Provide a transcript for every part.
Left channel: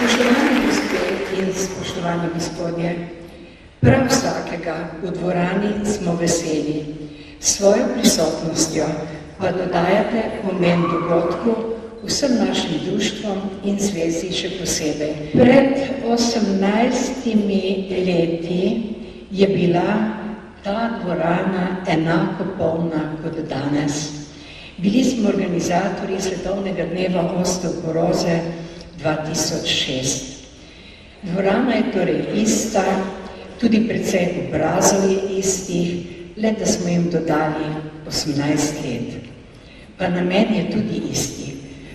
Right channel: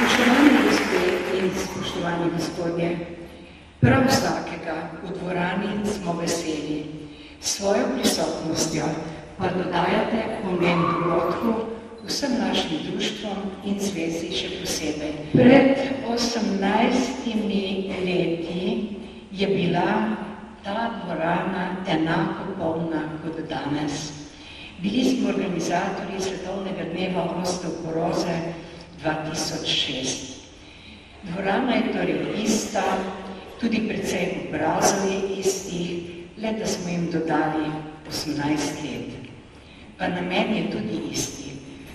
Spoštovani gospe in spoštovani gospodje, prav vsakega v dvorani smo veseli. S svojo prisotnostjo pa dodajate pomen dogodku vsem našim društvom in zvezi še posebej. Pred 18 leti je bila ta dvorana enako polna kot danes. Bili smo organizatorji Svetovnega dneva osteoporoze 2006. Dvorana je torej ista, tudi precej obrazov je istih, le da smo jim dodali 18 let. Pa namen je tudi isti.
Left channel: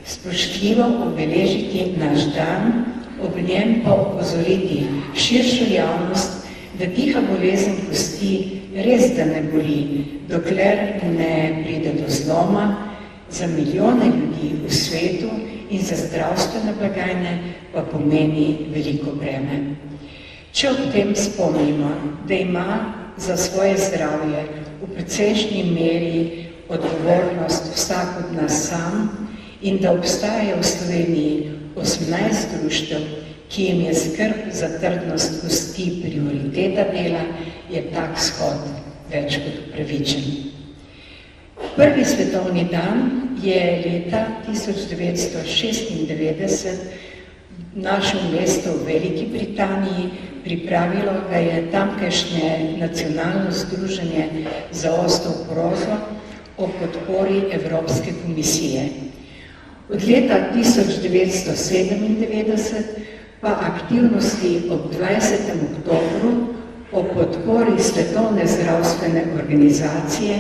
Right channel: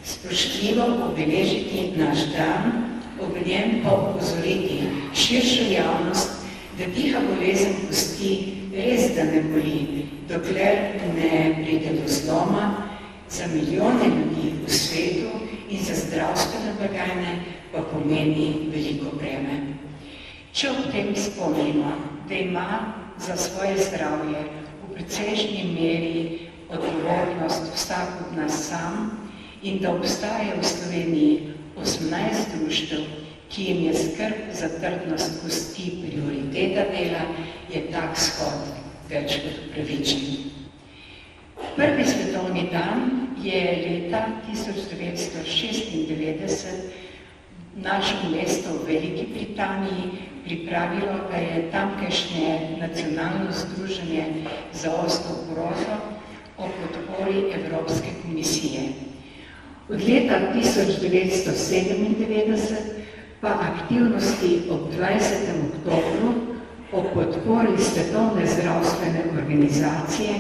Spoštljivo obeležiti naš dan, ob njem pa opozoriti širšo javnost, da tiha bolezen kosti res da ne boli, dokler ne pride do zloma za milijone ljudi v svetu in za zdravstvene blagajne pa pomeni veliko breme. Če ob tem spomnimo, da ima za svoje zdravje v precejšnji meri odgovornost vsak od nas sam in da obstaja v Sloveniji 18 društev, ki jim je skrb za trdnost kosti prioriteta dela, je tak shod več kot upravičen. Prvi svetovni dan je leta 1996 našo mesto v Veliki Britaniji pripravilo, da je tamkajšnje nacionalno združenje za osteoporozo o podpori Evropske komisije. Od leta 1997 pa aktivnosti ob 20. oktobru o podpori Svetovne zdravstvene organizacije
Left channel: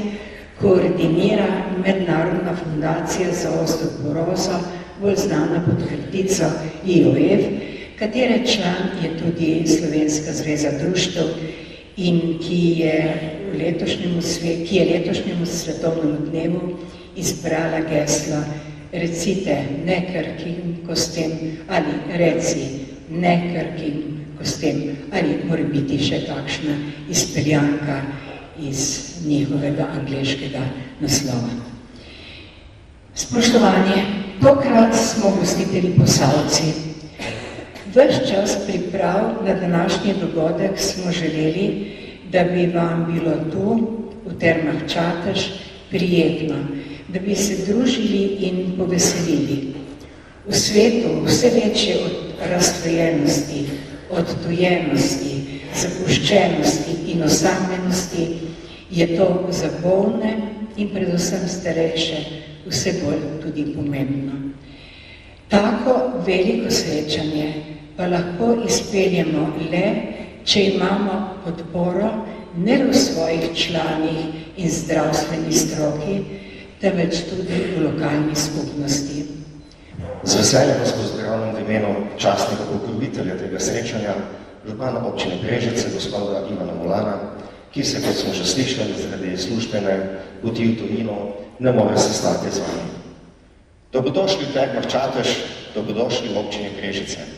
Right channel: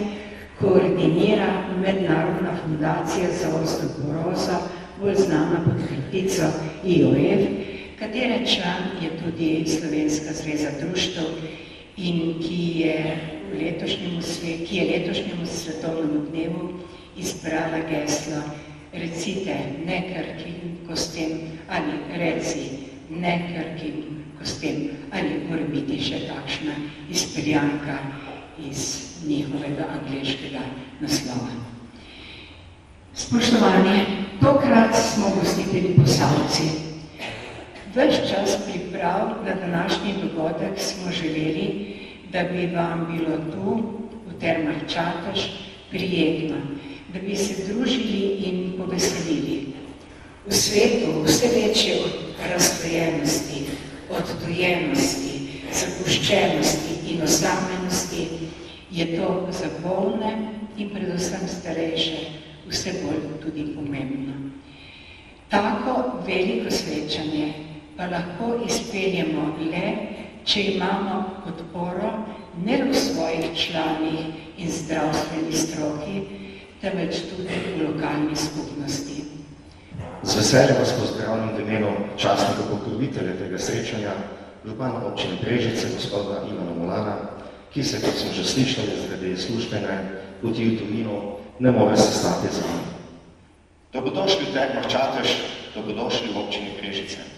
koordinira Mednarodna fundacija za osteoporozo, bolj znana pod kratico IOF, katere član je tudi Slovenska zveza društev in ki je letošnjemu svetovnemu dnevu izbrala geslo recite ne krhkim kostem ali reci ne krhkim kostem ali mora biti še takšna izpeljanka iz njihovega angleškega naslova. Spoštovani, tokrat smo gostitelji Posavci. Ves čas priprav na današnji dogodek smo želeli, da bi vam bilo tu, v Termah Čatež, prijetno, da bi se družili in poveselili. V svetu vse večje razstojenosti, odtujenosti, zapuščenosti in osamljenosti je to za bolne in predvsem starejše vse bolj tudi pomembno. Tako veliko srečanje pa lahko izpeljemo le, če imamo podporo ne v svojih članih in zdravstveni stroki, temveč tudi v lokalni skupnosti. Z veseljem vas pozdravljam v imenu častnega pokrovitelja tega srečanja, župana občine Brežice, gospoda Ivana Molana, ki se, kot smo že slišali, zaradi službene poti v tujino ne more sestati z vami. Dobrodošli v Termah Čatež, dobrodošli v občini Brežice.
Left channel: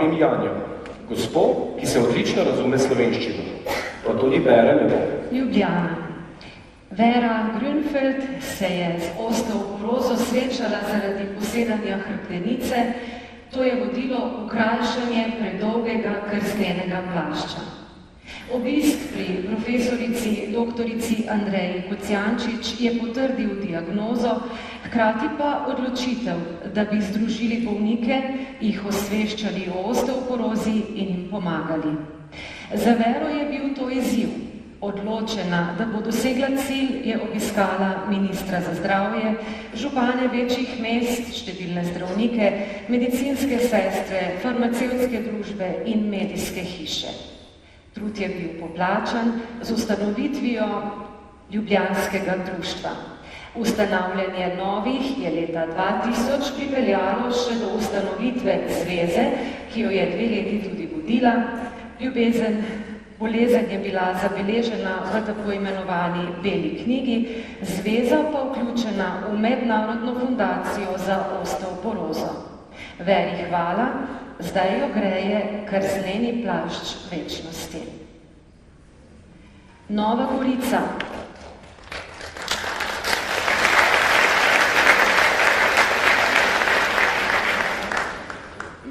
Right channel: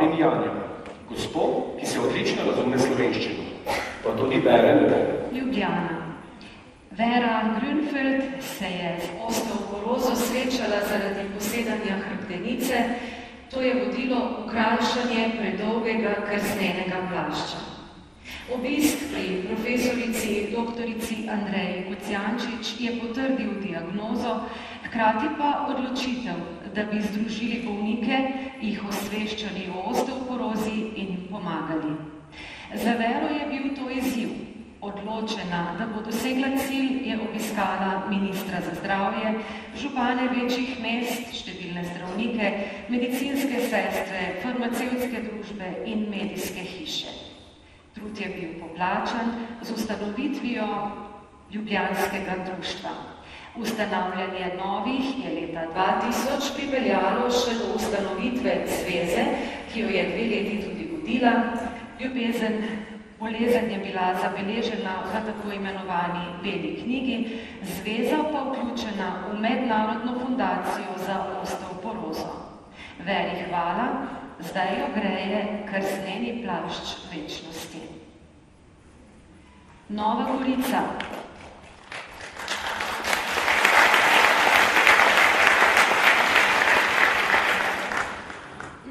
vabim Janjo, gospo, ki se odlično razume slovenščino, pa tudi bere lepo. Ljubljana. Vera Grünfeld se je z osteoporozo srečala zaradi posedanja hrbtenice, to je vodilo v krajšanje predolgega krstenega plašča. Obisk pri profesorici doktorici Andreji Kocijančič je potrdil diagnozo, hkrati pa odločitev, da bi združili bolnike, jih osveščali o osteoporozi in jim pomagali. Za Vero je bil to izziv. Odločena, da bo dosegla cilj, je obiskala ministra za zdravje, župane večjih mest, številne zdravnike, medicinske sestre, farmacevtske družbe in medijske hiše. Trud je bil poplačan z ustanovitvijo Ljubljanskega društva. Ustanavljanje novih je leta 2000 pripeljalo še do ustanovitve zveze, ki jo je 2 leti tudi vodila. Bolezen je bila zabeležena v tako imenovani Beli knjigi, zveza pa vključena v Mednarodno fundacijo za osteoporozo. Veri hvala, zdaj jo greje krzneni plašč večnosti. Nova Gorica.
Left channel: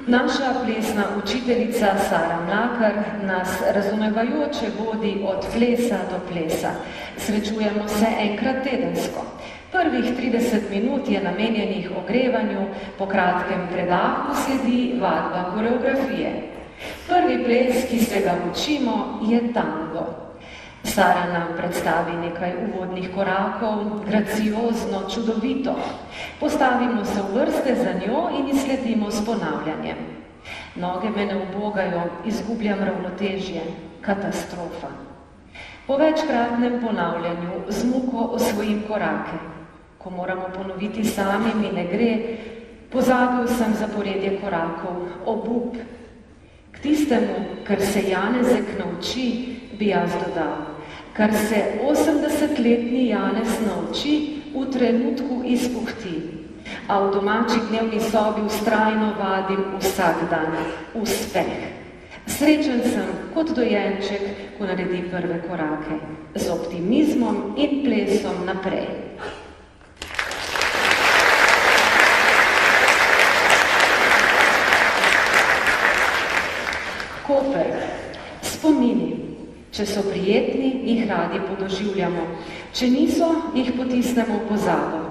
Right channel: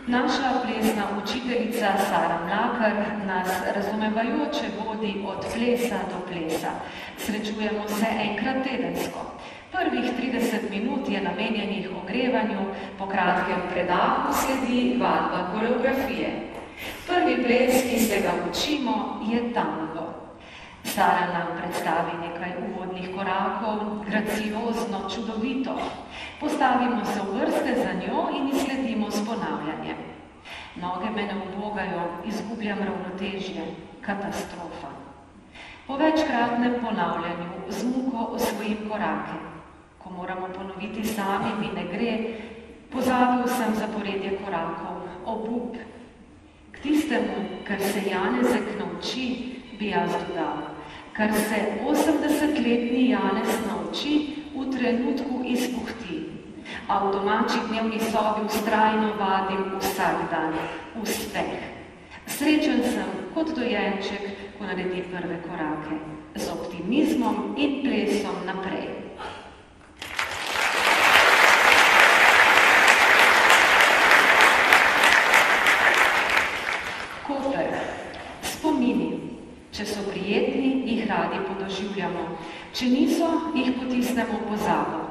Naša plesna učiteljica Sara Mlakar nas razumevajoče vodi od plesa do plesa. Srečujemo se enkrat tedensko. Prvih 30 minut je namenjenih ogrevanju, po kratkem predahu sledi vadba koreografije. Prvi ples, ki se ga učimo, je tango. Sara nam predstavi nekaj uvodnih korakov, graciozno, čudovito. Postavimo se v vrste za njo in izsledimo s ponavljanjem. Noge me ne ubogajo, izgubljam ravnotežje, katastrofa. Po večkratnem ponavljanju z muko osvojim korake. Ko moramo ponoviti sami, mi ne gre, pozabil sem zaporedje korakov, obup. K tistemu, kar se Janezek nauči, bi jaz dodal, kar se 80-letni Janez nauči, v trenutku izpuhti, a v domači dnevni sobi vztrajno vadim vsak dan, uspeh. Srečen sem kot dojenček, ko naredi prve korake, z optimizmom in plesom naprej. Koper. Spomini. Če so prijetni, jih radi podoživljamo. Če niso, jih potisnemo v pozabo.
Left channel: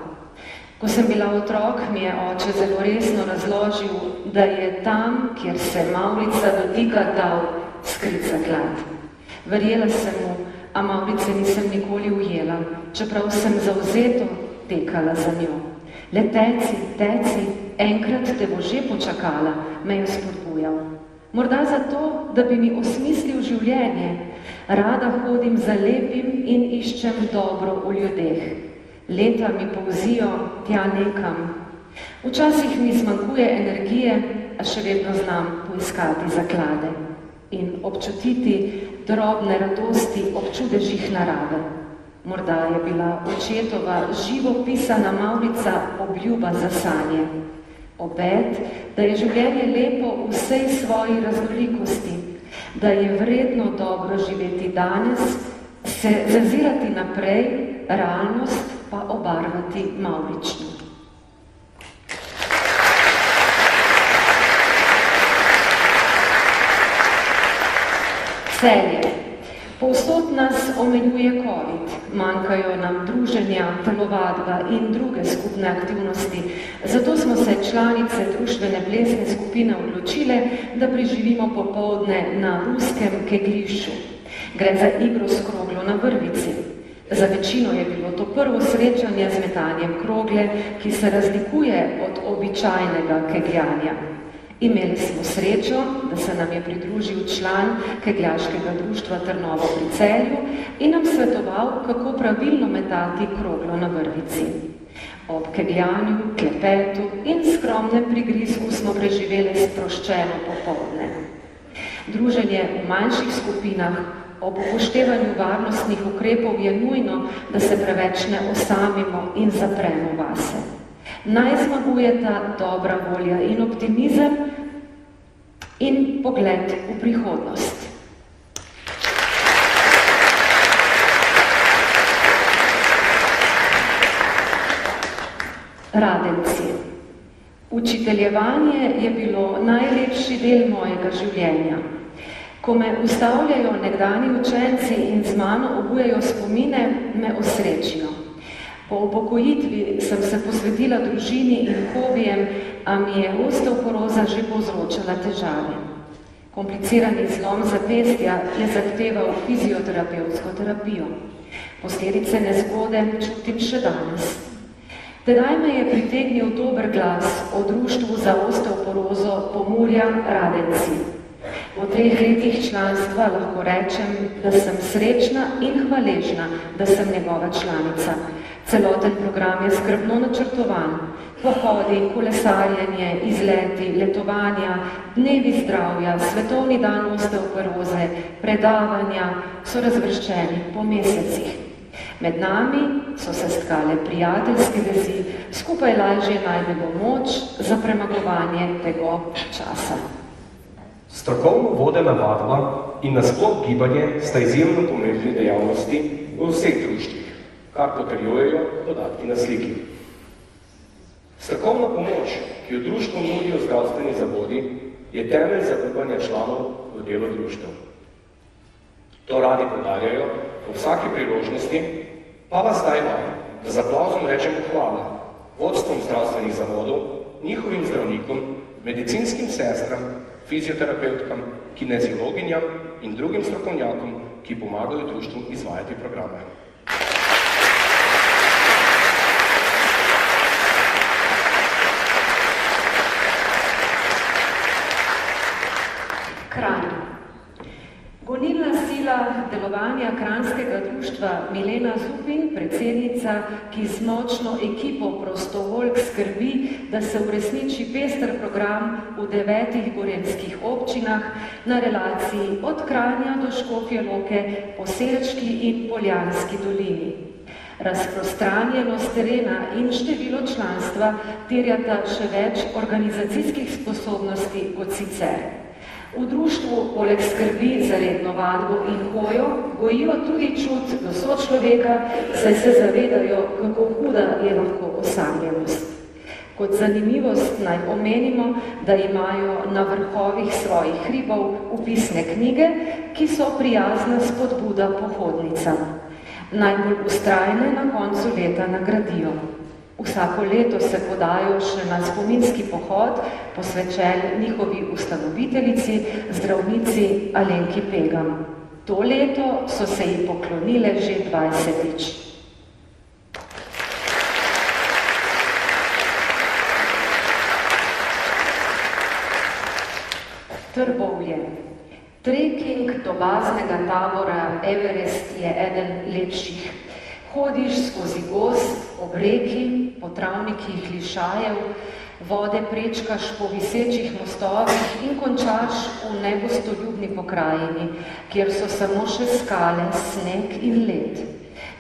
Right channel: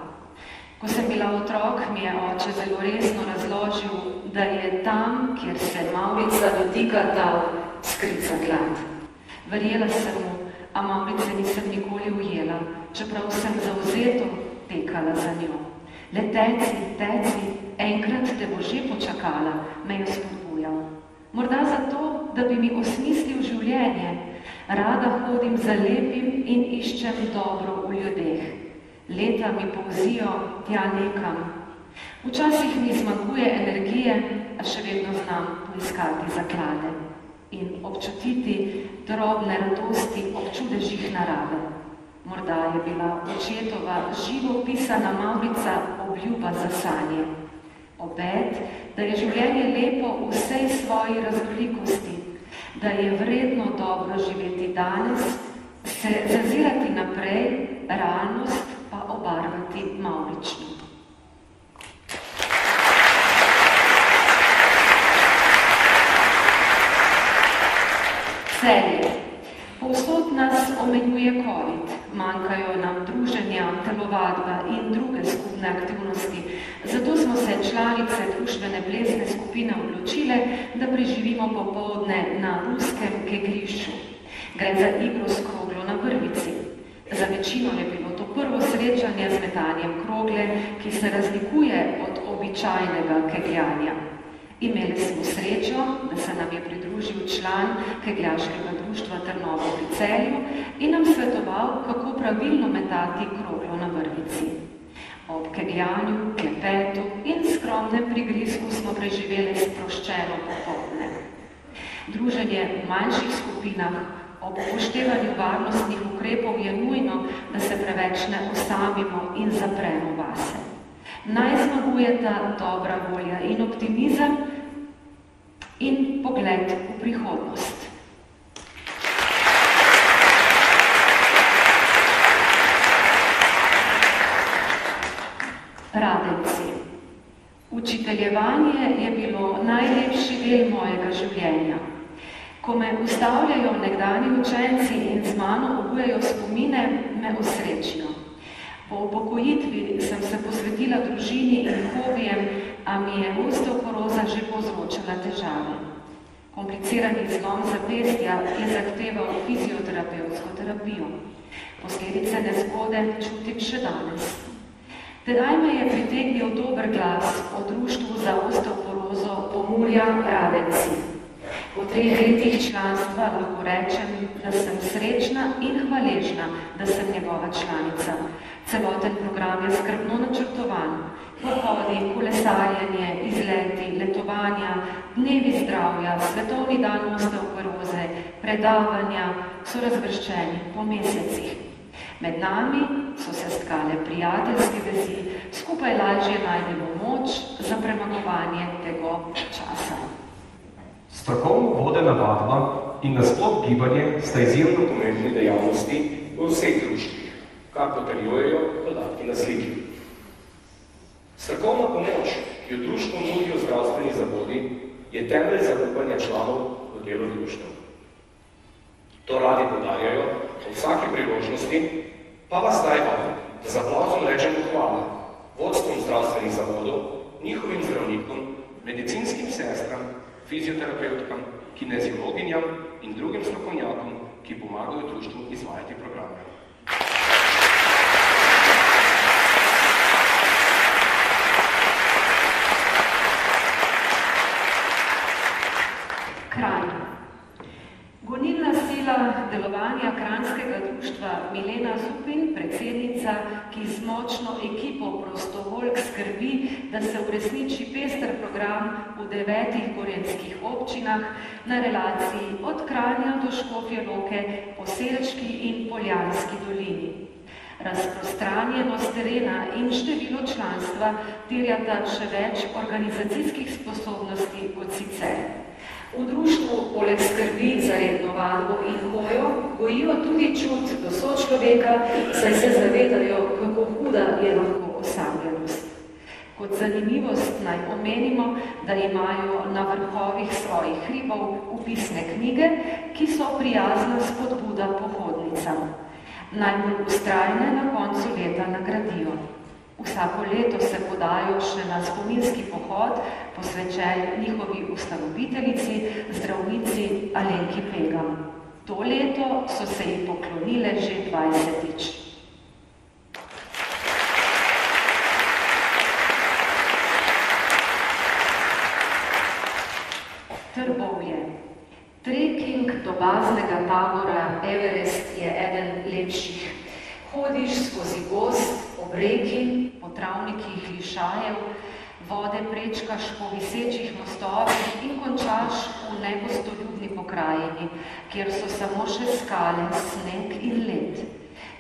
Ko sem bila otrok, mi je oče zelo resno razložil, da je tam, kjer se mavrica dotika tal, skrit zaklad. Verjela sem mu, a mavrice nisem nikoli ujela, čeprav sem zavzeto tekala za njo. Le teci, enkrat te bo že počakala, me je spodbujal. Morda zato, da bi mi osmislil življenje. Rada hodim za lepim in iščem dobro v ljudeh. Leta mi polzijo tja nekam. Včasih mi zmanjkuje energije, a še vedno znam poiskati zaklade in občutiti drobne radosti ob čudežih narave. Morda je bila očetova živo pisana mavrica obljuba za sanje. Obet, da je življenje lepo v vsej svoji raznolikosti, da je vredno dobro živeti danes, se zazirati naprej, realnost pa obarvati mavrično. Celje. Povsod nas omejuje COVID, manjkajo nam druženja, telovadba in druge skupne aktivnosti. Zato smo se članice društvene plesne skupine odločile, da preživimo popoldne na ruskem kegljišču. Gre za igro s kroglo na vrvici. Za večino je bilo to prvo srečanje z metanjem krogle, ki se razlikuje od običajnega kegljanja. Imeli smo srečo, da se nam je pridružil član kegljaškega društva Trnovo pri Celju in nam svetoval, kako pravilno metati kroglo na vrvici. Ob kegljanju, klepetu in skromnem prigrizku smo preživeli sproščeno popoldne. Druženje v manjših skupinah ob upoštevanju varnostnih ukrepov je nujno, da se preveč ne osamimo in zapremo vase. Naj zmagujeta dobra volja in optimizem in pogled v prihodnost. Radenci. Učiteljevanje je bilo najlepši del mojega življenja. Ko me ustavljajo nekdani učenci in z mano obujajo spomine, me osrečijo. Po upokojitvi sem se posvetila družini in hobijem, a mi je osteoporoza že povzročala težave. Komplicirani zlom zapestja je zahteval fizioterapevtsko terapijo. Posledice nezgode čutim še danes. Tedaj me je pritegnil dober glas o društvu za osteoporozo Pomurja Radenci. Po 3 letih članstva lahko rečem, da sem srečna in hvaležna, da sem njegova članica. Celoten program je skrbno načrtovan. Pohodi, kolesarjenje, izleti, letovanja, dnevi zdravja, svetovni dan osteoporoze, predavanja so razvrščeni po mesecih. Med nami so se stkale prijateljske vezi, skupaj lažje najdemo moč za premagovanje tegob časa. Strokovno vodena vadba in nasploh gibanje sta izjemno pomembni dejavnosti v vseh društvih, kar potrjujejo podatki na sliki. Strokovna pomoč, ki jo društvo nudijo zdravstveni zavodi, je temelj zaupanja članov v delo društev. To radi podarjajo v vsaki priložnosti, pa vas zdaj vabim, da z aplavzom rečemo hvala vodstvom zdravstvenih zavodov, njihovim zdravnikom, medicinskim sestram, fizioterapevtkam, kineziologinjam in drugim strokovnjakom, ki pomagajo društvu izvajati programe. Kranj. Gonilna sila delovanja Kranjskega društva Milena Zupin, predsednica, ki z močno ekipo prostovoljk skrbi, da se uresniči pester program v 9 gorenjskih občinah na relaciji od Kranja do Škofje Loke po Selčki in Poljanski dolini. Razprostranjenost terena in število članstva terjata še več organizacijskih sposobnosti kot sicer. V društvu poleg skrbi za redno vadbo in hojo gojijo tudi čut do sočloveka, saj se zavedajo, kako huda je lahko osamljenost. Kot zanimivost naj omenimo, da imajo na vrhovih svojih hribov vpisne knjige, ki so prijazna spodbuda pohodnicam. Najbolj vztrajne na koncu leta nagradijo. Vsako leto se podajo še na spominski pohod, posvečen njihovi ustanoviteljici, zdravnici Alenki Pegam. To leto so se ji poklonile že 20-tič. Trbovlje. Trekking do baznega tabora Everest je eden lepših. Hodiš skozi gozd, ob reki, po travnikih lišajev, vode prečkaš po visečih mostovih in končaš v negostoljubni pokrajini, kjer so samo še skale, sneg in led.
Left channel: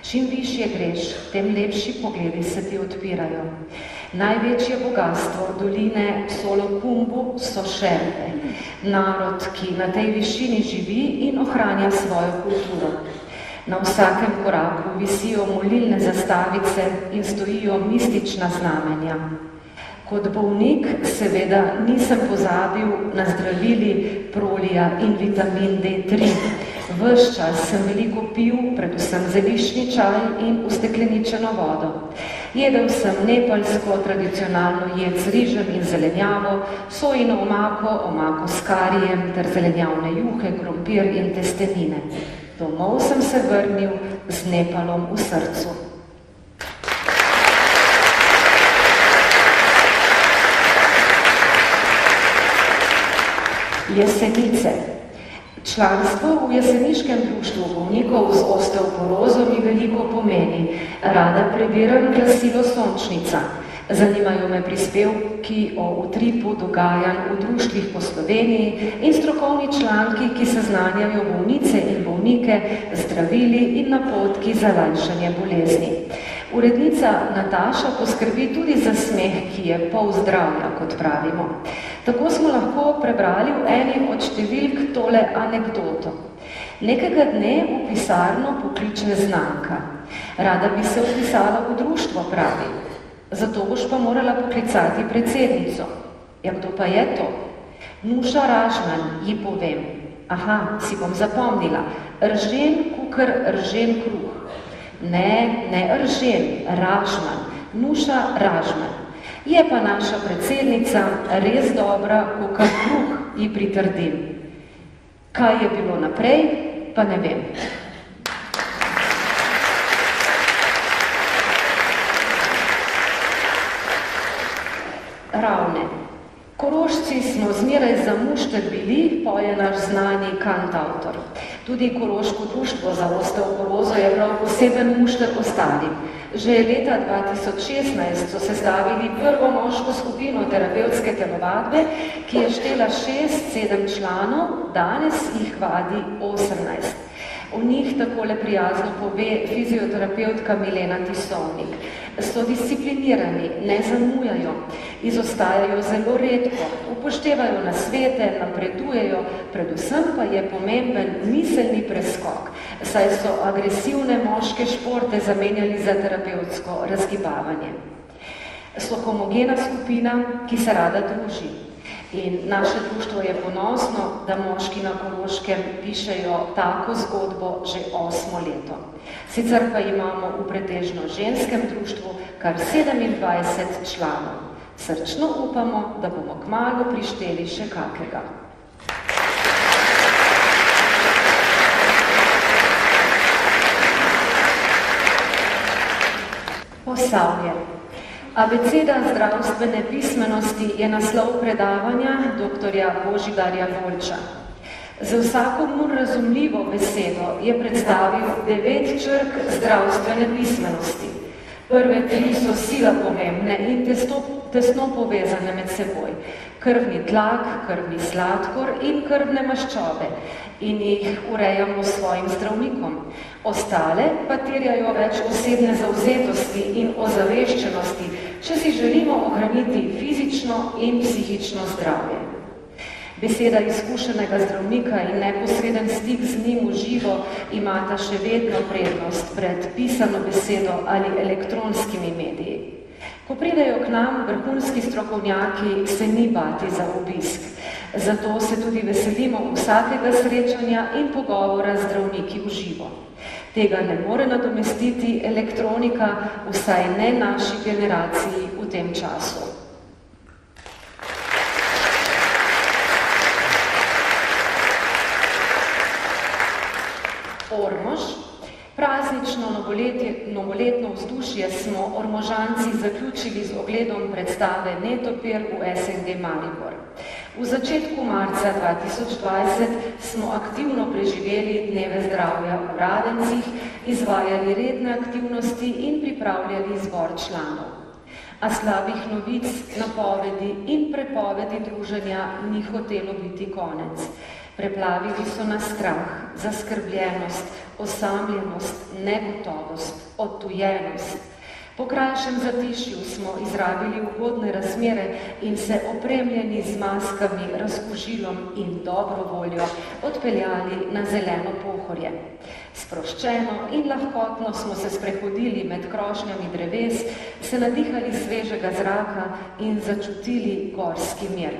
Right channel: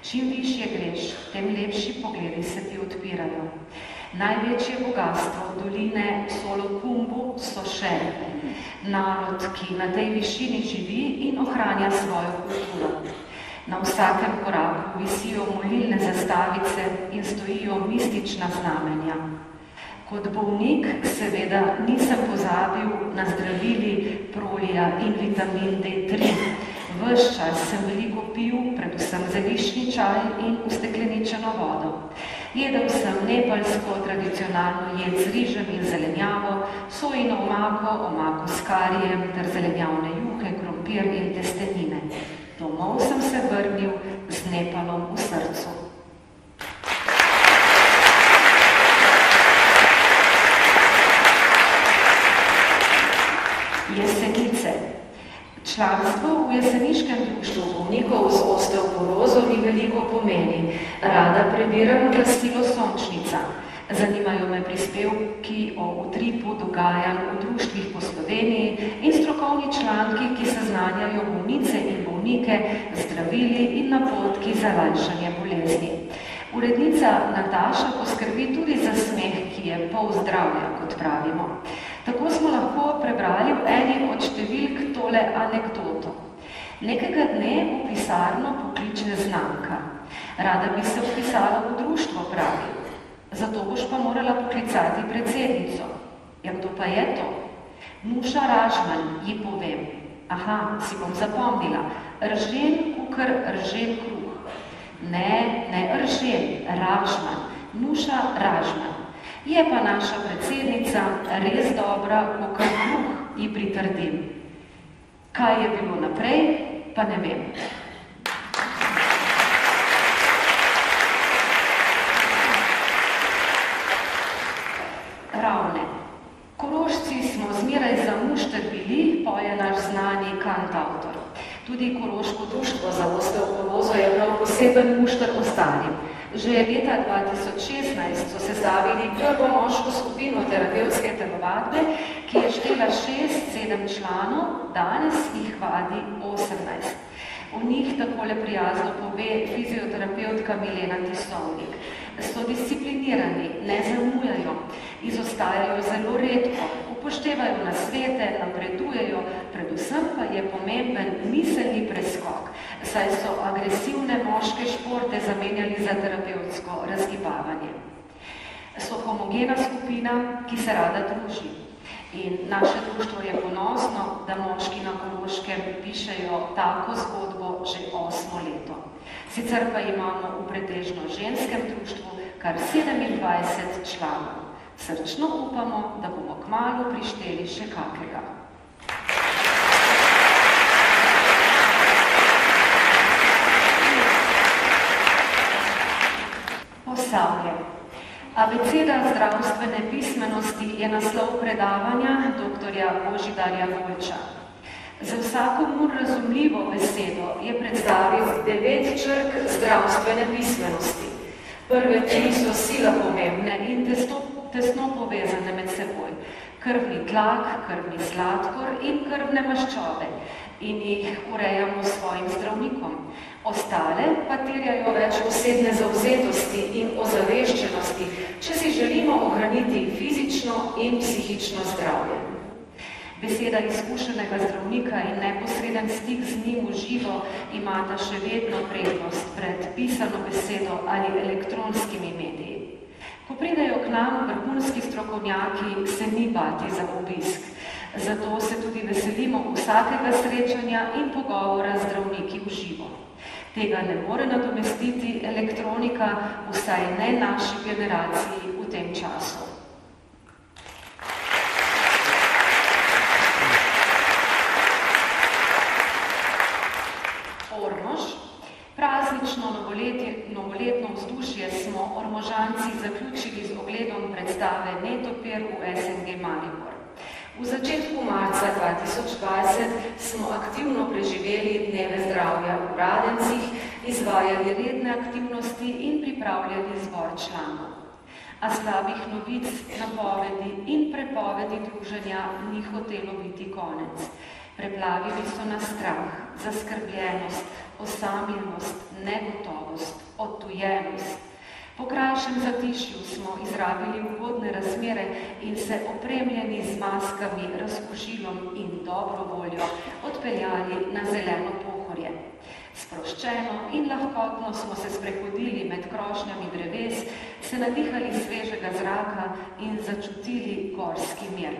Čim višje greš, tem lepši pogledi se ti odpirajo. Največje bogatstvo doline Solokumbu so Šerpe, narod, ki na tej višini živi in ohranja svojo kulturo. Na vsakem koraku visijo molilne zastavice in stojijo mistična znamenja. Kot bolnik seveda nisem pozabil na zdravili prolija in vitamin D3. Ves čas sem veliko pil, predvsem zeliščni čaj in ustekleničeno vodo. Jedel sem nepalsko tradicionalno jed z rižem in zelenjavo, sojino omako, omako s karijem ter zelenjavne juhe, krompir in testenine. Domov sem se vrnil z Nepalom v srcu. Jesenice. Članstvo v jeseniškem društvu bolnikov z osteoporozo mi veliko pomeni. Rada prebiram glasilo Sončnica. Zanimajo me prispevki o utripu dogajanj v društvih po Sloveniji in strokovni članki, ki seznanjajo bolnice in bolnike z zdravili in napotki za lajšanje bolezni. Urednica Nataša poskrbi tudi za smeh, ki je pol zdravja, kot pravimo. Tako smo lahko prebrali v eni od številk tole anekdoto. Nekega dne v pisarno pokliče znanka. Rada bi se vpisala v društvo, pravi. Zato boš pa morala poklicati predsednico. Ja, kdo pa je to? Nuša Ražman, ji povem. Aha, si bom zapomnila. Ržen kukr, ržen kruh. Ne ržen, Ražman. Nuša Ražman. Je pa naša predsednica res dobra, kukr kruh, ji pritrdim. Kaj je bilo naprej, pa ne vem. Ravne. Korošci smo zmeraj za mušter bili, poje naš znani kantautor. Tudi Koroško društvo za osteoporozo je prav poseben mušter ostalim. Že leta 2016 so sestavili prvo moško skupino terapevtske telovadbe, ki je štela 6-7 članov, danes jih vadi 18. O njih takole prijazno pove fizioterapeutka Milena Tisovnik. So disciplinirani, ne zamujajo, izostajajo zelo redko, upoštevajo nasvete, napredujejo, predvsem pa je pomemben miselni preskok, saj so agresivne moške športe zamenjali za terapevtsko razgibavanje. So homogena skupina, ki se rada druži. In naše društvo je ponosno, da moški na Koroškem pišejo tako zgodbo že 8 leto. Sicer pa imamo v pretežno ženskem društvu kar 27 članov. Srčno upamo, da bomo kmalu prišteli še kakega. Posavje. Abeceda zdravstvene pismenosti je naslov predavanja doktorja Božidarja Volča. Za vsakomur razumljivo besedo je predstavil 9 črk zdravstvene pismenosti. Prve 3 so sila pomembne in tesno povezane med seboj. Krvni tlak, krvni sladkor in krvne maščobe in jih urejamo s svojim zdravnikom. Ostale pa terjajo več osebne zavzetosti in ozaveščenosti, če si želimo ohraniti fizično in psihično zdravje. Beseda izkušenega zdravnika in neposreden stik z njim v živo imata še vedno prednost pred pisano besedo ali elektronskimi mediji. Ko pridejo k nam vrhunski strokovnjaki, se ni bati za obisk. Zato se tudi veselimo vsakega srečanja in pogovora z zdravniki v živo. Tega ne more nadomestiti elektronika, vsaj ne naši generaciji v tem času. Ormož. Praznično novoletno vzdušje smo Ormožanci zaključili z ogledom predstave Netopir v SNG Maribor. V začetku marca 2020 smo aktivno preživeli dneve zdravja v Radencih, izvajali redne aktivnosti in pripravljali zbor članov. A slabih novic, napovedi in prepovedi druženja ni hotelo biti konec. Preplavili so nas strah, zaskrbljenost, osamljenost, negotovost, odtujenost. Po krajšem zatišju smo izrabili ugodne razmere in se opremljeni z maskami, razkužilom in dobro voljo odpeljali na zeleno Pohorje. Sproščeno in lahkotno smo se sprehodili med krošnjami dreves, se nadihali svežega zraka in začutili gorski mir.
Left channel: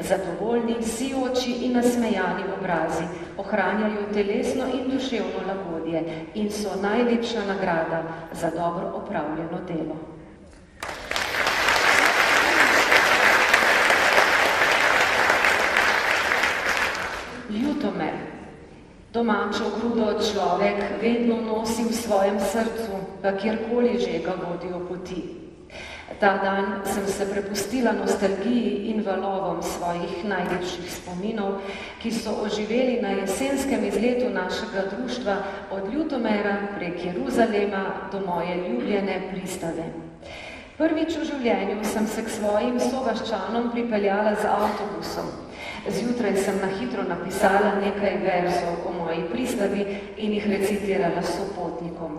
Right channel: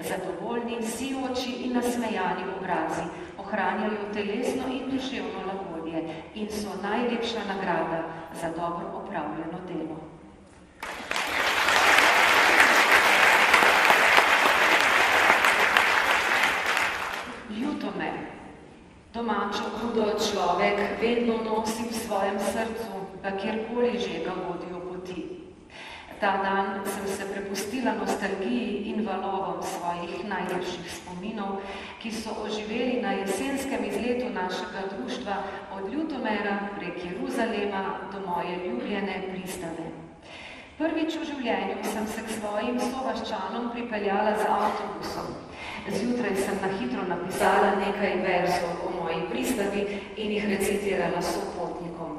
Zadovoljni, sijoči in nasmejani obrazi ohranjajo telesno in duševno lagodje in so najlepša nagrada za dobro opravljeno delo. Ljutomer. Domačo grudo človek vedno nosi v svojem srcu, pa kjerkoli že ga vodijo poti. Ta dan sem se prepustila nostalgiji in valovom svojih najlepših spominov, ki so oživeli na jesenskem izletu našega društva od Ljutomera prek Jeruzalema do moje ljubljene Pristave. Prvič v življenju sem se k svojim sovaščanom pripeljala z avtobusom. Zjutraj sem na hitro napisala nekaj verzov o moji Pristavi in jih recitirala sopotnikom.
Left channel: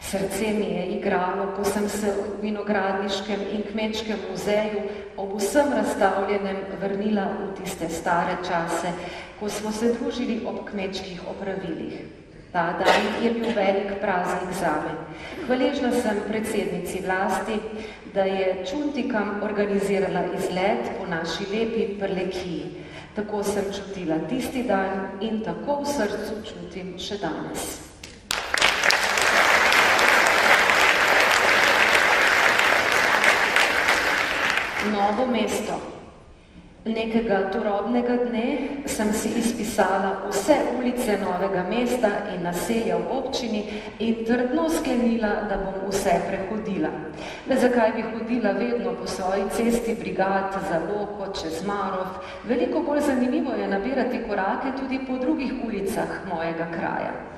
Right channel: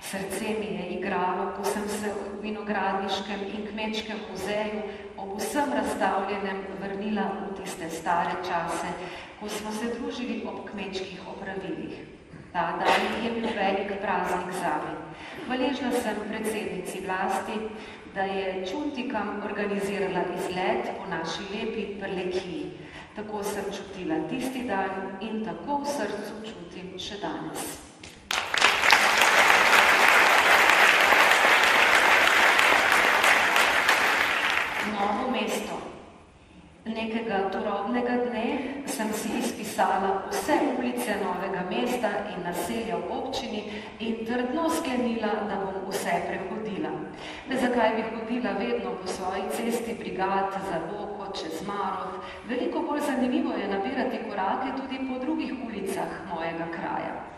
Srce mi je igralo, ko sem se v vinogradniškem in kmečkem muzeju ob vsem razstavljenem vrnila v tiste stare čase, ko smo se družili ob kmečkih opravilih. Ta dan je bil velik praznik zame. Hvaležna sem predsednici vlasti, da je Čuntikam organizirala izlet po naši lepi Prlekiji. Tako sem čutila tisti dan in tako v srcu čutim še danes. Novo mesto. Nekega turobnega dne sem si izpisala vse ulice Novega mesta in naselja v občini in trdno sklenila, da bom vse prehodila. Le zakaj bi hodila vedno po svoji cesti Brigad, za Loko, čez Marof? Veliko bolj zanimivo je nabirati korake tudi po drugih ulicah mojega kraja.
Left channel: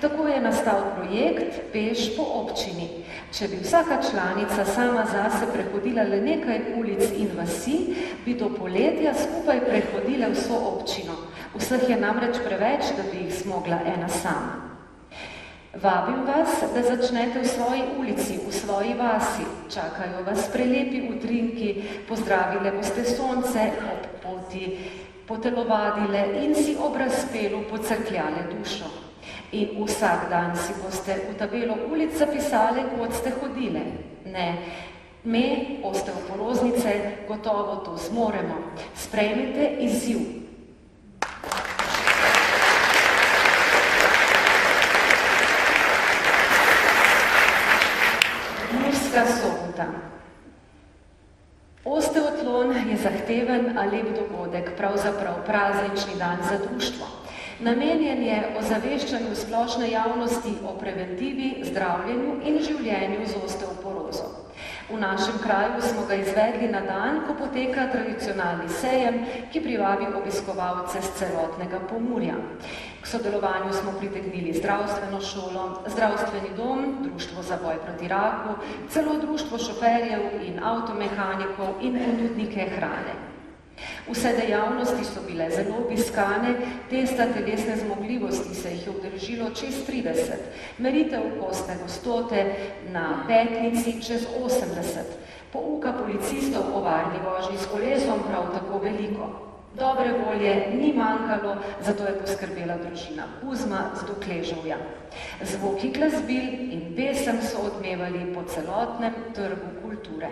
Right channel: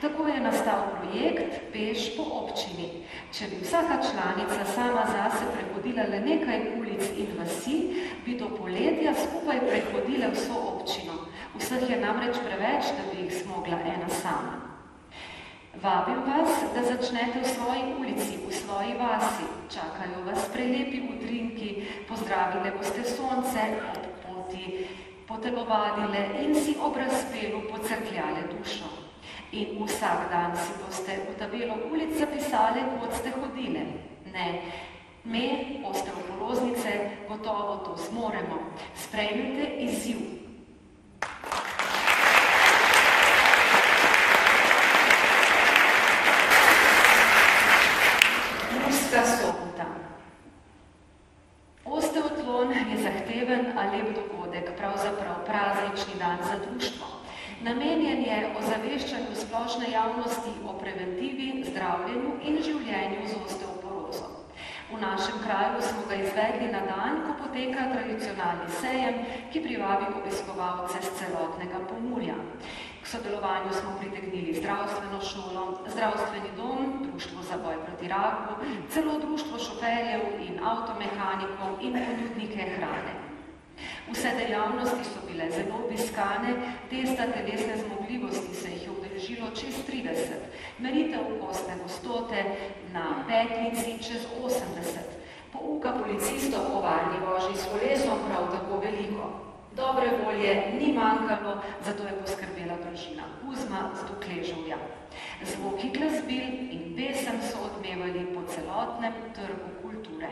Tako je nastal projekt Peš po občini. Če bi vsaka članica sama zase prehodila le nekaj ulic in vasi, bi do poletja skupaj prehodile vso občino. Vseh je namreč preveč, da bi jih zmogla ena sama. Vabim vas, da začnete v svoji ulici, v svoji vasi. Čakajo vas prelepi utrinki, pozdravile boste sonce ob poti, potelovadile in si ob razpelu pocrkljale dušo. In vsak dan si boste v tabelo ulic zapisali, kot ste hodile. Ne, me, osteoporoznice, gotovo to zmoremo. Sprejmite izziv. Murska Sobota. Osteotlon je zahteven a lep dogodek, pravzaprav praznični dan za društvo. Namenjen je ozaveščanju splošne javnosti o preventivi, zdravljenju in življenju z osteoporozo. V našem kraju smo ga izvedli na dan, ko poteka tradicionalni sejem, ki privabi obiskovalce z celotnega Pomurja. K sodelovanju smo pritegnili zdravstveno šolo, zdravstveni dom, Društvo za boj proti raku, celo društvo šoferjev in avtomehanikov in ponudnike hrane. Vse dejavnosti so bile zelo obiskane, testa telesne zmogljivosti se jih je udeležilo čez 30, meritev kostne gostote na petnici čez 80, pouka policistov o varni vožnji s kolesom prav tako veliko. Dobre volje ni manjkalo, zato je poskrbela družina Kuzma z Dokleževja. Zvoki glasbil in pesem so odmevali po celotnem trgu kulture.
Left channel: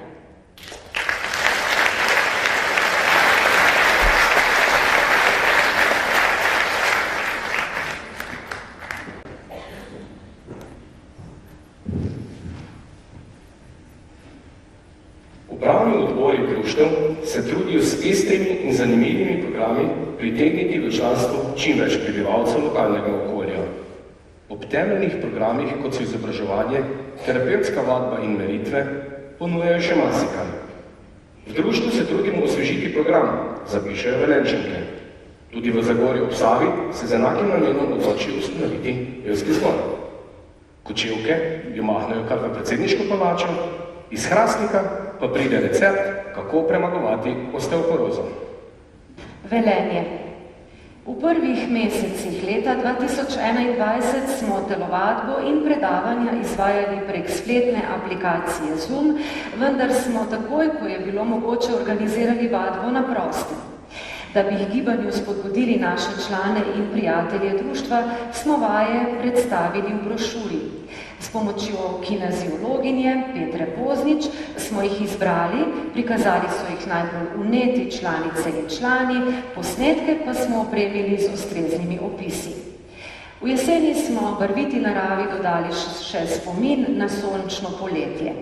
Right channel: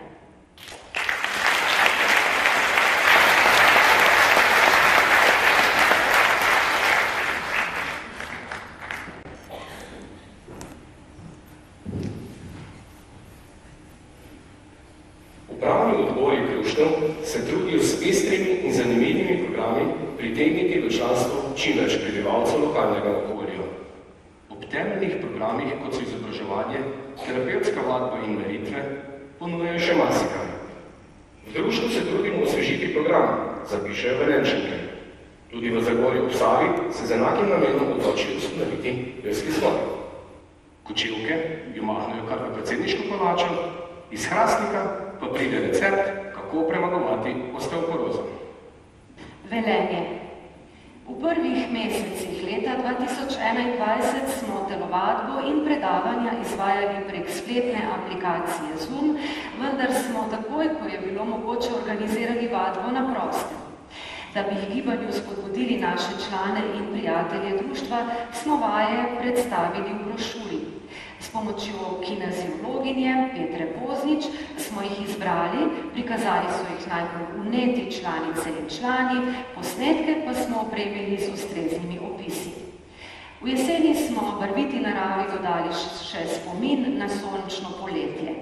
Upravni odbori društev se trudijo s pestrimi in zanimivimi programi pritegniti v članstvo čim več prebivalcev lokalnega okolja. Ob temeljnih programih, kot so izobraževanje, terapevtska vadba in meritve, ponujajo še marsikaj. V društvu se trudimo osvežiti program, zapišejo Velenčanke. Tudi v Zagorju ob Savi se z enakim namenom odločijo ustanoviti pevski zbor. Kočevke jo mahnejo kar v predsedniško palačo, iz Hrastnika pa pride recept, kako premagovati osteoporozo. Velenje. V prvih mesecih leta 2021 smo telovadbo in predavanja izvajali prek spletne aplikacije Zoom, vendar smo takoj, ko je bilo mogoče, organizirali vadbo na prostem. Da bi jih gibanju spodbudili naše člane in prijatelje društva, smo vaje predstavili v brošuri. S pomočjo kineziologinje Petre Poznič smo jih izbrali, prikazali so jih najbolj vneti članice in člani, posnetke pa smo opremili z ustreznimi opisi. V jeseni smo barviti naravi dodali še spomin na sončno poletje.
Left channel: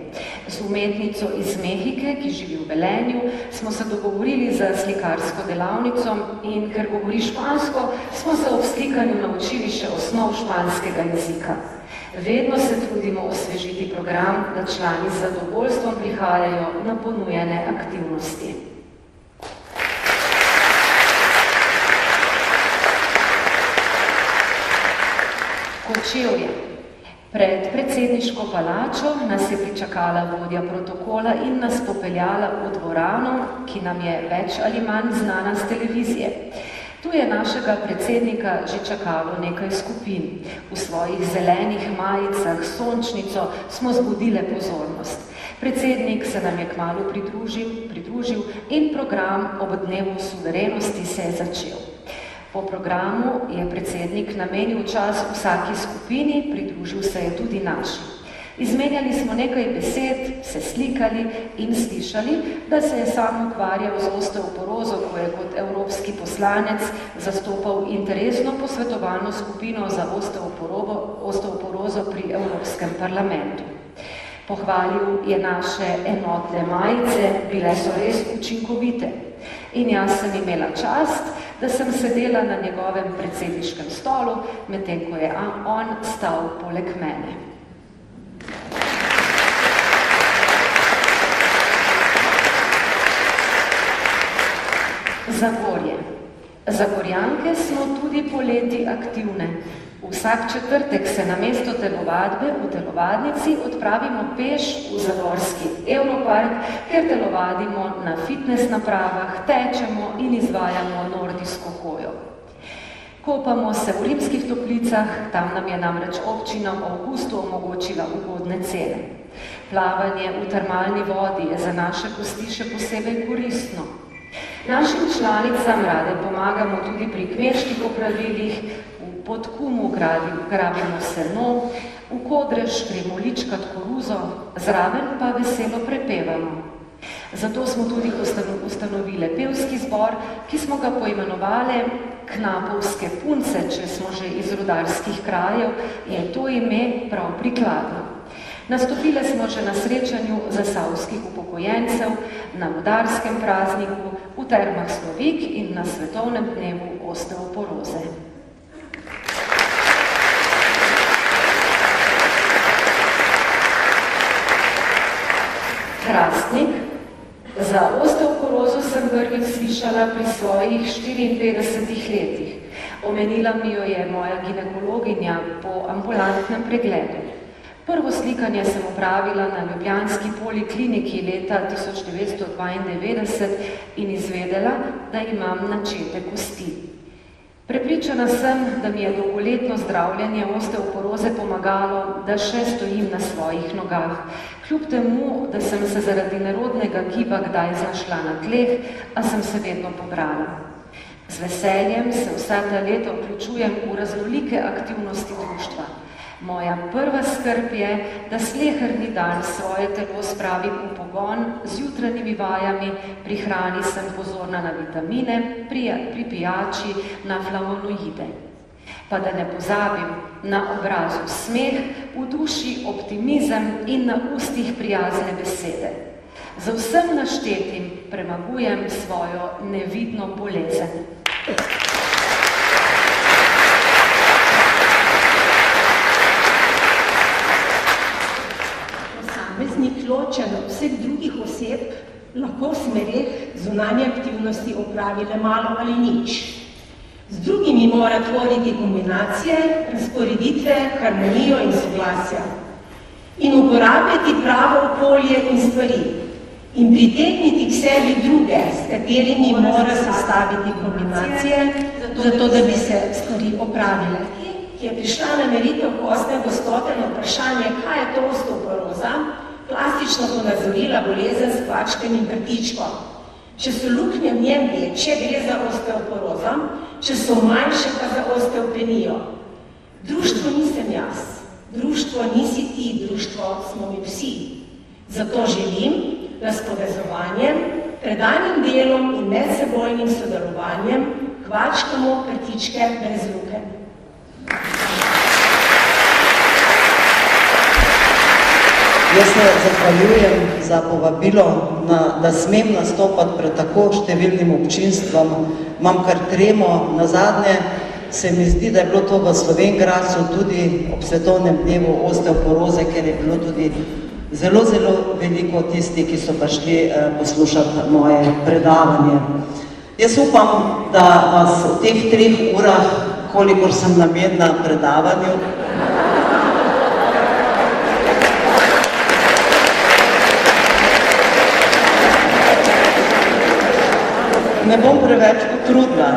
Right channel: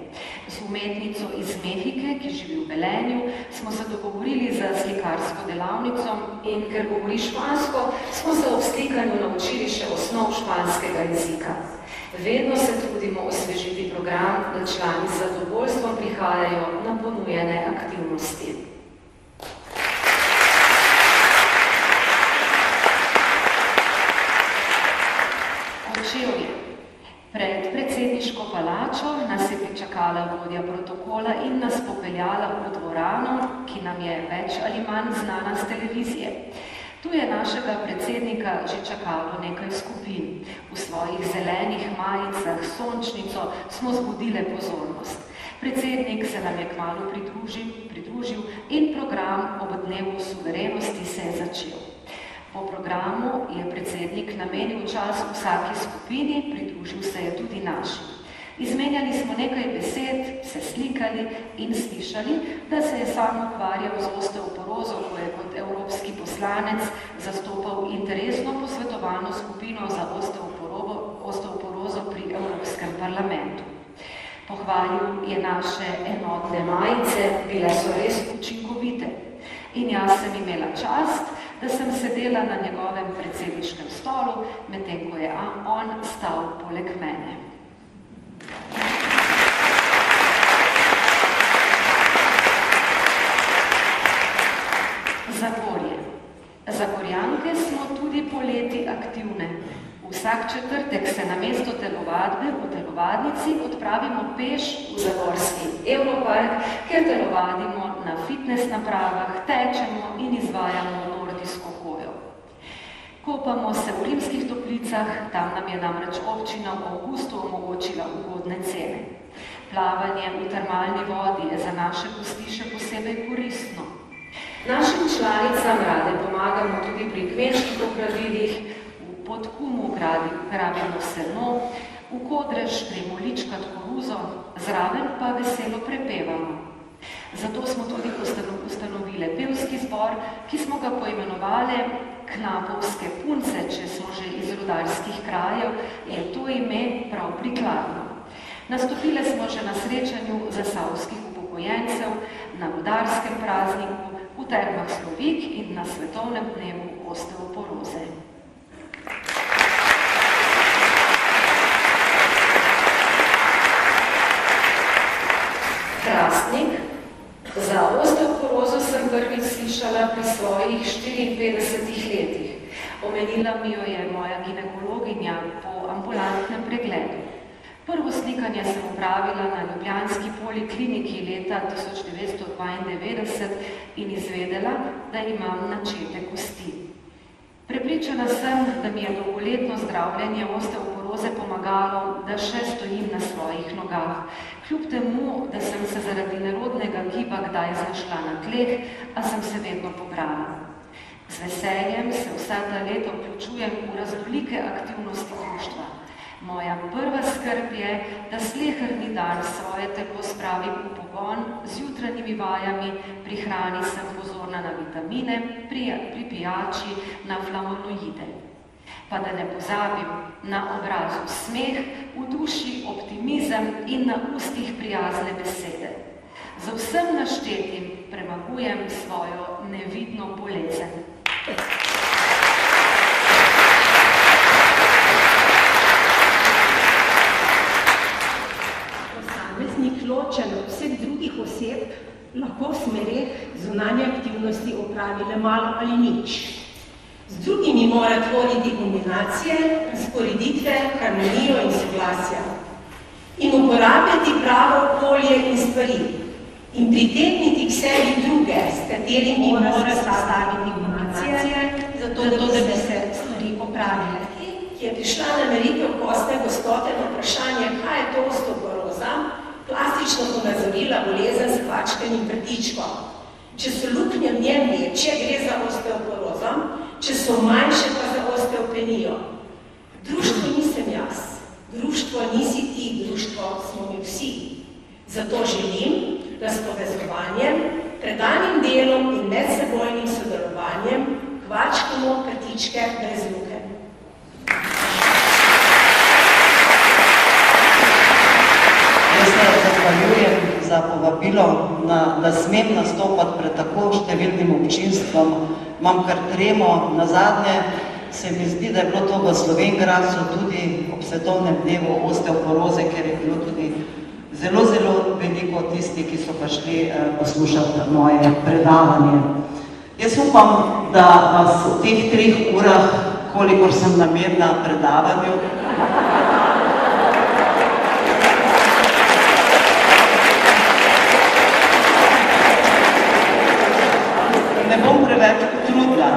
Z umetnico iz Mehike, ki živi v Velenju, smo se dogovorili za slikarsko delavnico in ker govori špansko, smo se ob slikanju naučili še osnov španskega jezika. Vedno se trudimo osvežiti program, da člani z zadovoljstvom prihajajo na ponujene aktivnosti. Kočevje. Pred predsedniško palačo nas je pričakala vodja protokola in nas popeljala v dvorano, ki nam je več ali manj znana z televizije. Tu je našega predsednika že čakalo nekaj skupin. V svojih zelenih majicah s sončnico smo zbudile pozornost. Predsednik se nam je kmalu pridružil in program ob dnevu suverenosti se je začel. Po programu je predsednik namenil čas vsaki skupini, pridružil se je tudi naši. Izmenjali smo nekaj besed, se slikali in slišali, da se je sam ukvarjal z osteoporozo, ko je kot evropski poslanec zastopal interesno posvetovalno skupino za osteoporozo pri Evropskem parlamentu. Pohvalil je naše enotne majice, bile so res učinkovite. In jaz sem imela čast, da sem sedela na njegovem predsedniškem stolu, medtem ko je on stal poleg mene. Zagorje. Zagorjanke smo tudi poleti aktivne. Vsak četrtek se namesto telovadbe v telovadnici odpravimo peš v zagorski Europark, kjer telovadimo na fitness napravah, tečemo in izvajamo nordijsko hojo. Kopamo se v Rimskih Toplicah, tam nam je namreč občina v avgustu omogočila ugodne cene. Plavanje v termalni vodi je za naše kosti še posebej koristno. Našim članicam rade pomagamo tudi pri kmečkih opravilih, v Podkumu grabimo seno, v Kodrež gremo ličkat koruzo, zraven pa veselo prepevamo. Zato smo tudi ustanovili pevski zbor, ki smo ga poimenovali Knapovske punce, če smo že iz rudarskih krajev, je to ime prav prikladno. Nastopile smo že na srečanju zasavskih upokojencev, na rudarskem prazniku, v Termah Slovik in na svetovnem dnevu osteoporoze. Hrastnik. Za osteoporozo sem prvič slišala pri svojih 54 letih. Omenila mi jo je moja ginekologinja po ambulantnem pregledu. Prvo slikanje sem opravila na ljubljanski polikliniki leta 1992 in izvedela, da imam načete kosti. Prepričana sem, da mi je dolgoletno zdravljenje osteoporoze pomagalo, da še stojim na svojih nogah. Kljub temu, da sem se zaradi nerodnega giba kdaj znašla na tleh, a sem se vedno pobrala. Z veseljem se vsa ta leta vključujem v raznolike aktivnosti društva. Moja prva skrb je, da sleherni dan svoje telo spravim v pogon z jutranjimi vajami, pri hrani sem pozorna na vitamine, pri pijači na flavonoide. Pa da ne pozabim na obrazu smeh, v duši optimizem in na ustih prijazne besede. Za vsem naštetim premagujem svojo nevidno bolezen. Posameznik ločen od vseh drugih oseb lahko v smereh zunanje aktivnosti opravi le malo ali nič. Z drugimi mora tvoriti kombinacije, razporeditve, harmonijo in soglasja. In uporabljati pravo okolje in stvari. In pritegniti k sebi druge, s katerimi mora sestaviti kombinacije, zato da bi se stvari opravile. Ki je prišla na meritev gostne gostote na vprašanje, kaj je to osteoporoza, plastično ponazorila bolezen s kvačkanim vrtičkom. Če so luknje v njem večje, gre za osteoporozo, če so manjše pa za osteopenijo. Društvo nisem jaz, društvo nisi ti, društvo smo mi vsi. Zato želim, da s povezovanjem, predanim delom in medsebojnim sodelovanjem kvačkamo krtičke brez lukenj. Jaz se zahvaljujem za povabilo, da smem nastopati pred tako številnim občinstvom. Imam kar tremo, nazadnje se mi zdi, da je bilo to v Slovenj tudi ob svetovnem dnevu osteoporoze, ker je bilo tudi zelo veliko tistih, ki so prišli poslušati moje predavanje. Jaz upam, da vas v teh 3 urah, kolikor sem namenjena predavanju, ne bom preveč potrudila.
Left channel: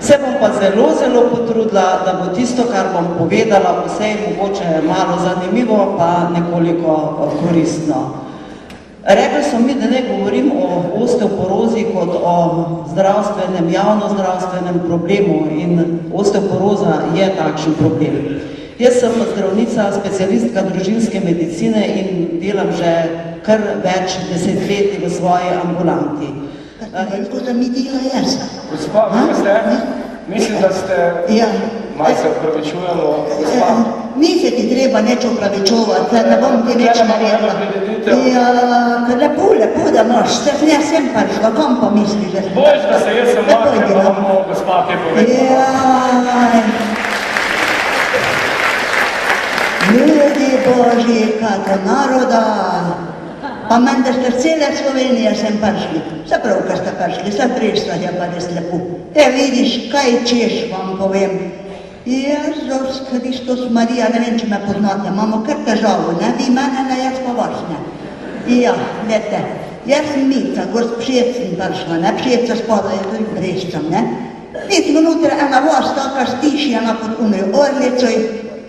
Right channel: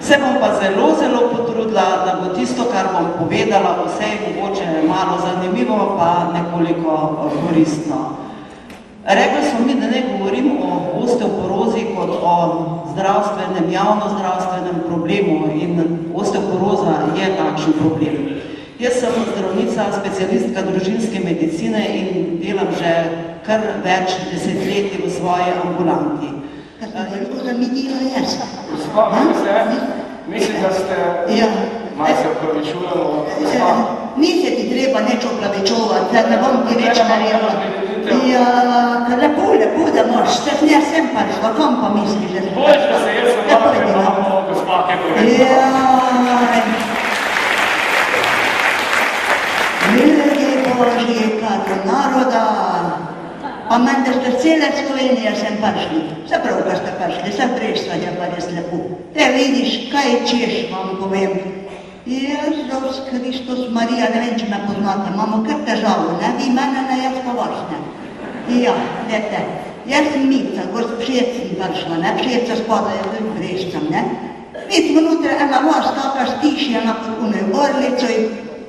Se bom pa zelo potrudila, da bo tisto, kar bom povedala, vse je mogoče malo zanimivo, pa nekoliko koristno. Rekli so mi, da ne govorim o osteoporozi kot o zdravstvenem, javnozdravstvenem problemu in osteoporoza je takšen problem. Jaz sem zdravnica, specialistka družinske medicine in delam že kar več desetletij v svoji ambulanti. Veliko zamidila jaz. Gospa, mislim, da ste, malo se opravičujemo, gospa. Ni se ti treba neč opravičovati, ne bom ti neč naredila. Ja, lepo, da moš, jaz sem prišla, kam pa misliš, da sem? Bojiš, da se jaz sem lahko, ker bomo gospa kaj povedala. Jaj. Ljudi Božji, kato naroda. Pa meni, da ste cele Slovenije sem prišli. Se prav, kad ste prišli, se prešla je pa res lepo. Vidiš, kaj češ vam povem. Jezus Kristus Marija, ne vem, če me poznate, imamo kar težavo, ne? Vi mene, ne, jaz pa vaš, ne? Ja, lete, jaz sem Mica, Pšec sem prišla, ne? Pšec se spada, jaz tudi Breščam, ne? Vidimo noter ena vas, taka stišjena pod unoj orlicoj,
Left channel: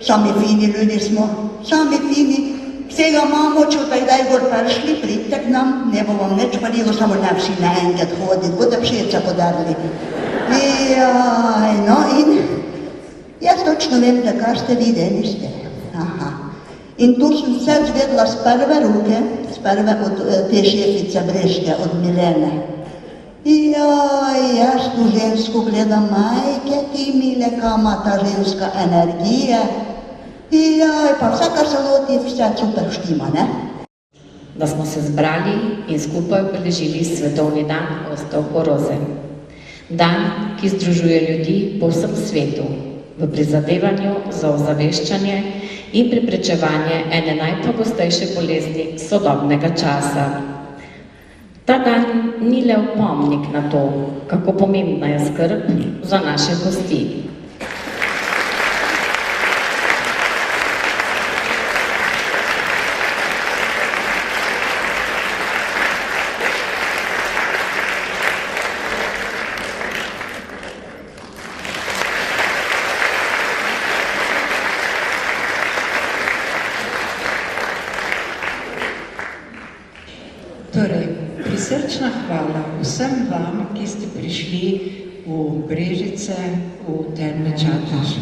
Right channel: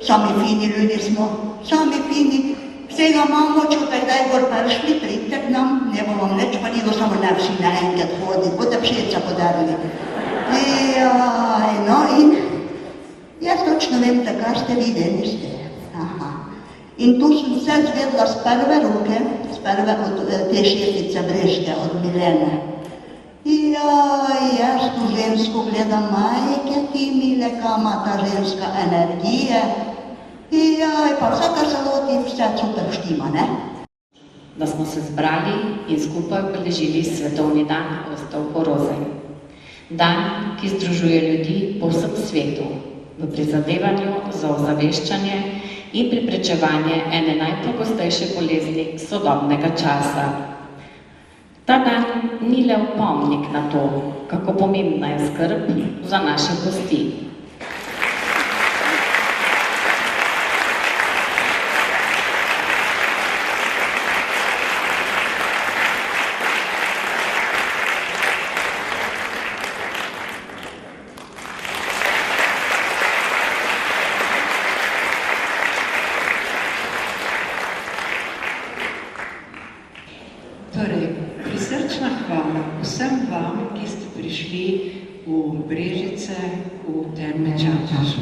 sami fini ljudi smo, sami fini, vsega imamo, če taj gor prišli, pridite k nam, ne bo vam neč paligo, samo ne vsi naenkrat hoditi, boste Pšeca podarili. Jaj, no in jaz točno vem, da kar ste videli ste. Aha. In tu sem vse zvedla z prve ruke, z prve od te šefice Breške, od Milene. Jaj, jaz tu žensko gledam, majke ti mile, kam ima ta ženska energije. Jaj, pa vse, kar se loti, vse super štima, ne? Da smo se zbrali in skupaj obeležili Svetovni dan osteoporoze. Dan, ki združuje ljudi po vsem svetu v prizadevanju za ozaveščanje in preprečevanje ene najpogostejše bolezni sodobnega časa. Ta dan ni le opomnik na to, kako pomembna je skrb za naše gosti. Torej, prisrčna hvala vsem vam, ki ste prišli v Brežice, v Terme Čatež.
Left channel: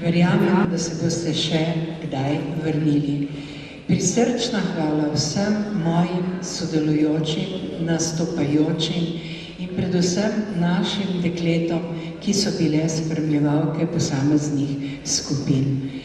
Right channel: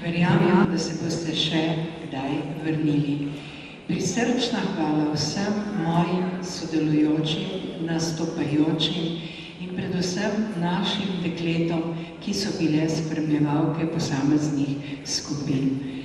Verjamem, da se boste še kdaj vrnili. Prisrčna hvala vsem mojim sodelujočim, nastopajočim in predvsem našim dekletom, ki so bile spremljevalke posameznih skupin.